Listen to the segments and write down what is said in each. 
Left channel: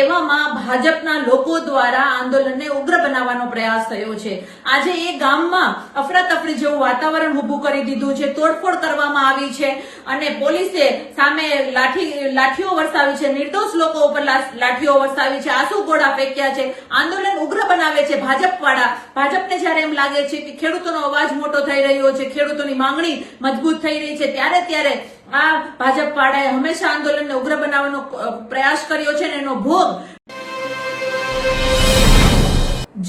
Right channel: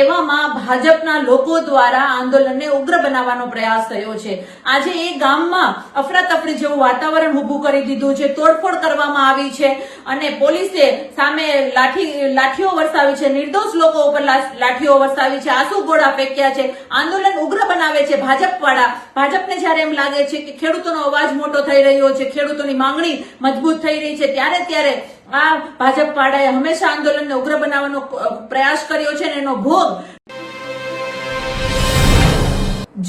એવામાં ભાજપના લોકો દ્વારા આંદોલનને ઉગ્ર બનાવવાનો પ્રયાસ થયો છે। આજે એ ગામમાં અફરાતફરી જેવું વાતાવરણ ઉભું કરી દીધું છે, તોડફોડ કરવામાં આવી છે અને પોલીસે સામે લાઠીઓ વરસાવી છે, નિર્દોષ લોકો ઉપર લાઠીઓ વરસાવી છે, આંસુ ગોળા ફેંક્યા છે। આંદોલન ઉગ્ર બનાવે છે ભાજપને જ્યારે એમ લાગે છે કે ખેડૂતોનો અવાજ મોટો થઈ રહ્યો છે, ખેડૂતોની માંગણી મજબૂત થઈ રહી છે, ત્યારે આ ભાજપ વાળાએ હંમેશા આંદોલનને ઉગ્ર બનાવવાનો પ્રયાસ કર્યો છે અને એનો ભોગ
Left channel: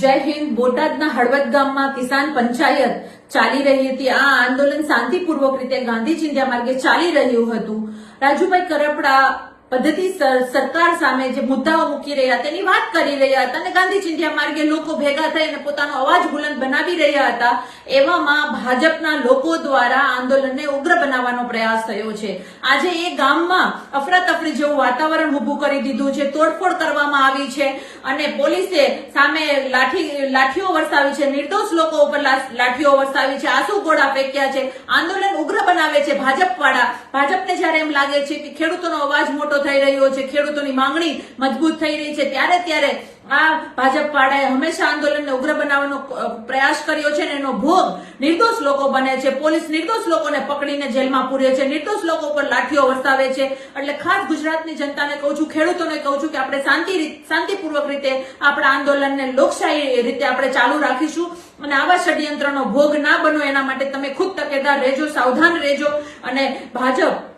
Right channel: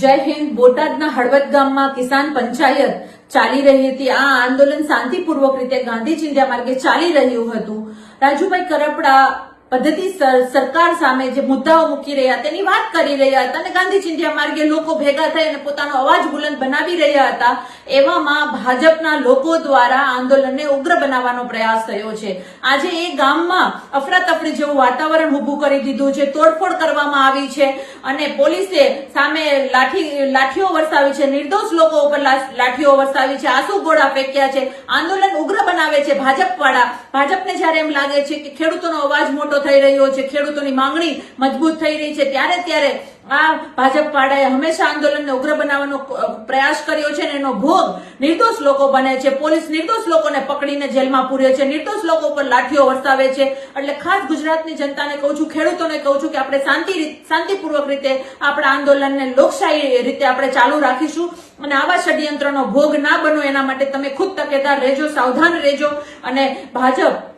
જય હિન્દ। બોટાદના હળવદ ગામમાં કિસાન પંચાયત ચાલી રહી હતી। આ આંદોલન શાંતિપૂર્વક રીતે ગાંધી ચિંધ્યા માર્ગે ચાલી રહ્યું હતું। રાજુભાઈ કરપડા પદ્ધતિસર સરકાર સામે જે મુદ્દાઓ મૂકી રહ્યા તેની વાત કરી રહ્યા હતા અને ગાંધી ચિંધ્યા માર્ગે લોકો ભેગા થઈ અને પોતાનો અવાજ બુલંદ બનાવી રહ્યા હતા। એવામાં ભાજપના લોકો દ્વારા આંદોલનને ઉગ્ર બનાવવાનો પ્રયાસ થયો છે। આજે એ ગામમાં અફરાતફરી જેવું વાતાવરણ ઉભું કરી દીધું છે, તોડફોડ કરવામાં આવી છે અને પોલીસે સામે લાઠીઓ વરસાવી છે, નિર્દોષ લોકો ઉપર લાઠીઓ વરસાવી છે, આંસુ ગોળા ફેંક્યા છે। આંદોલન ઉગ્ર બનાવે છે ભાજપને જ્યારે એમ લાગે છે કે ખેડૂતોનો અવાજ મોટો થઈ રહ્યો છે, ખેડૂતોની માંગણી મજબૂત થઈ રહી છે, ત્યારે આ ભાજપ વાળાએ હંમેશા આંદોલનને ઉગ્ર બનાવવાનો પ્રયાસ કર્યો છે અને એનો ભોગ નિર્દોષ લોકો બને છે। પોલીસ નિર્દોષ લોકોને પકડીને જેલમાં પૂરે છે, નિર્દોષ લોકો પર લાઠીઓ વરસાવે છે। એટલે ખાસ ગુજરાતની જનતાને કહું છું, ખેડૂતોને કહું છું કે આપણે શાંતિપૂર્વક રીતે આપણા આંદોલનને લોકશાહી રીતે આપણે ચાલુ રાખીશું અને આવા ષડયંત્રનો ભોગ ના બનો એના માટે તમે ખુદ તકેદાર રહેજો, સાવધાન રહેજો। અને ભાજપ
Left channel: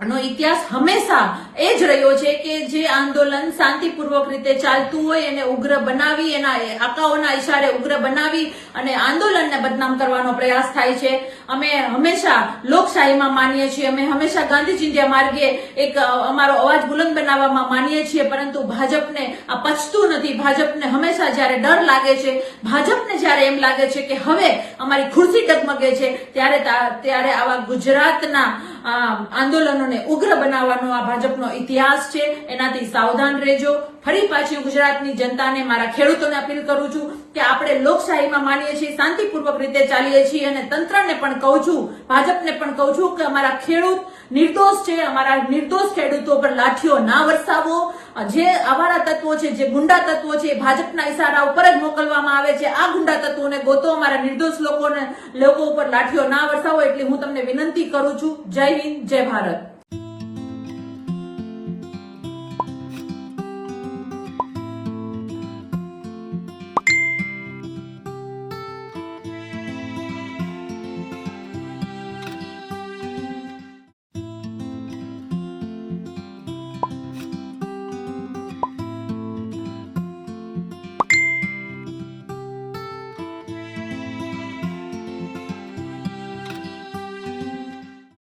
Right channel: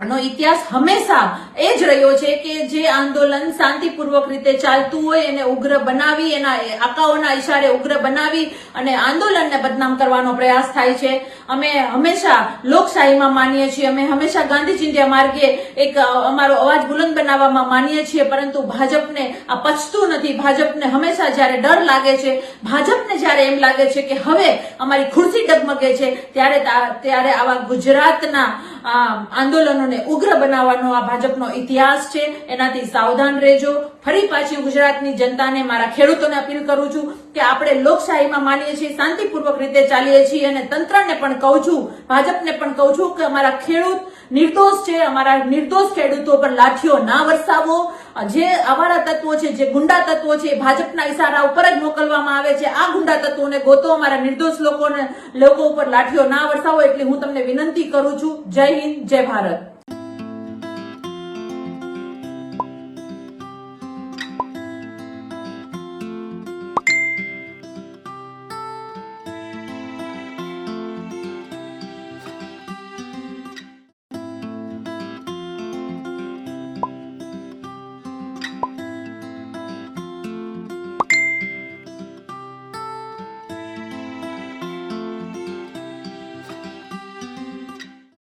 નો ઇતિહાસ હંમેશા એ જ રહ્યો છે કે જે આંદોલન શાંતિપૂર્વક રીતે ચાલતું હોય એને ઉગ્ર બનાવી, એના આકાઓના ઇશારે ઉગ્ર બનાવી અને આંદોલનને બદનામ કરવાનો પ્રયાસ થાય છે। અમે હંમેશા લોકશાહીમાં માનીએ છીએ, અમે હંમેશા ગાંધી ચિંધ્યા માર્ગે એક અમારો અવાજ બુલંદ બનાવવામાં માનીએ છીએ, પરંતુ ભાજપને આ પચતું નથી। ભાજપને હંમેશા જ્યારે ડર લાગે છે, ભાજપને જ્યારે એમ લાગે છે કે હવે અમારી ખુરશી ડગમગે છે, ત્યારે આવા ગુજરાતના આંદોલનોને ઉગ્ર બનાવવાનો આ ભાજપનો ઇતિહાસ છે। એનાથી સાવધાન રહેજો। ફરી પાછી ગુજરાતની જનતાને, મારા ખેડૂતોને અપીલ કરું છું કે આપણે લોકશાહીમાં માનીએ છીએ, શાંતિપૂર્વક રીતે ચાલીએ છીએ અને તંત્રને પણ કહું છું, ભાજપને પણ કહું છું કે અમારા ખેડૂત નિર્દોષ છે, અમારા નિર્દોષ ખેડૂતો પર લાઠીઓ ના વરસાવો। જે આવારા તત્વો છે, જે ગુંડા તત્વો છે, ભાજપના ઇશારા ઉપર જ મોકલવામાં આવે છે। આ ગુંડા તત્વોને ગોતો, અમારા નિર્દોષ લોકો ઉપર લાઠીઓ ના વરસાવો, એટલી હું તમને વિનંતી કરું છું। જય હિન્દ, જય ભારત।